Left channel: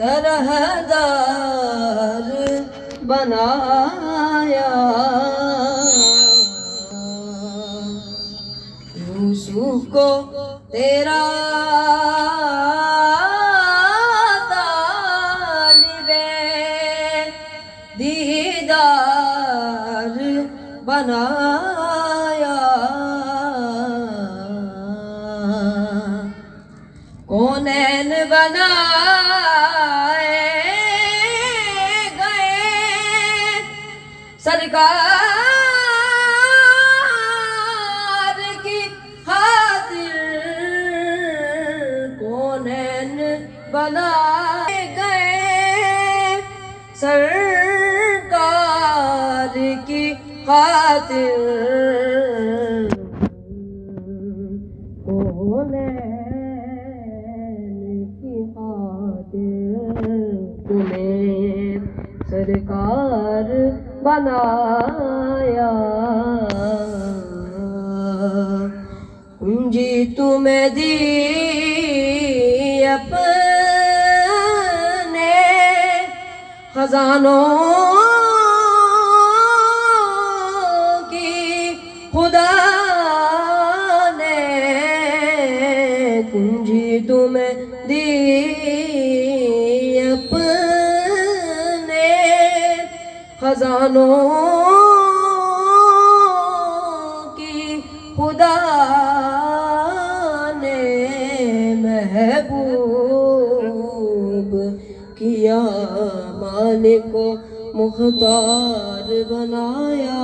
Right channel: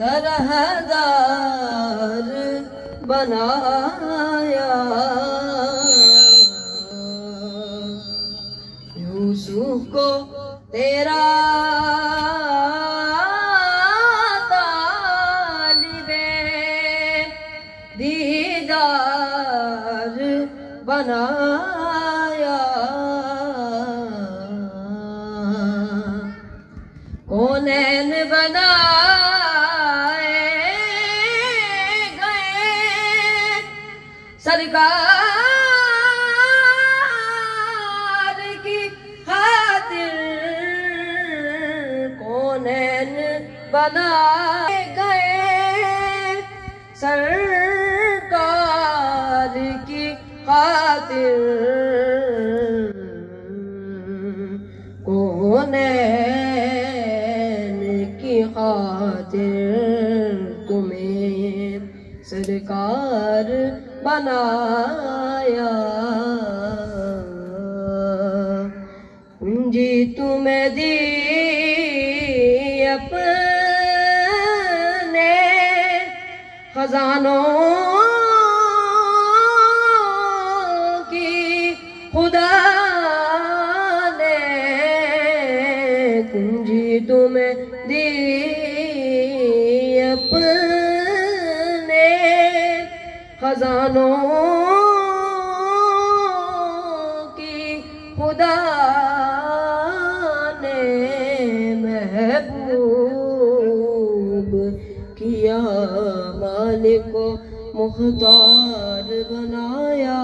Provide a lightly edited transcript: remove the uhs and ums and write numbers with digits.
तरहदार बनाया। यूसुफ को तेरा तालिबे दीदार बनाया। कौनैन बनाए गए सरकार की खातिर। कौनैन बनाए गए सरकार की खातिर। कौनैन की खातिर तुम्हें सरकार बनाया। पूंजी तुम्हें दी अपने खजानों की खुदा ने। पूंजी तुम्हें दी अपने खजानों की खुदा ने। महबूब किया मालिक को मुख्तार बनाया।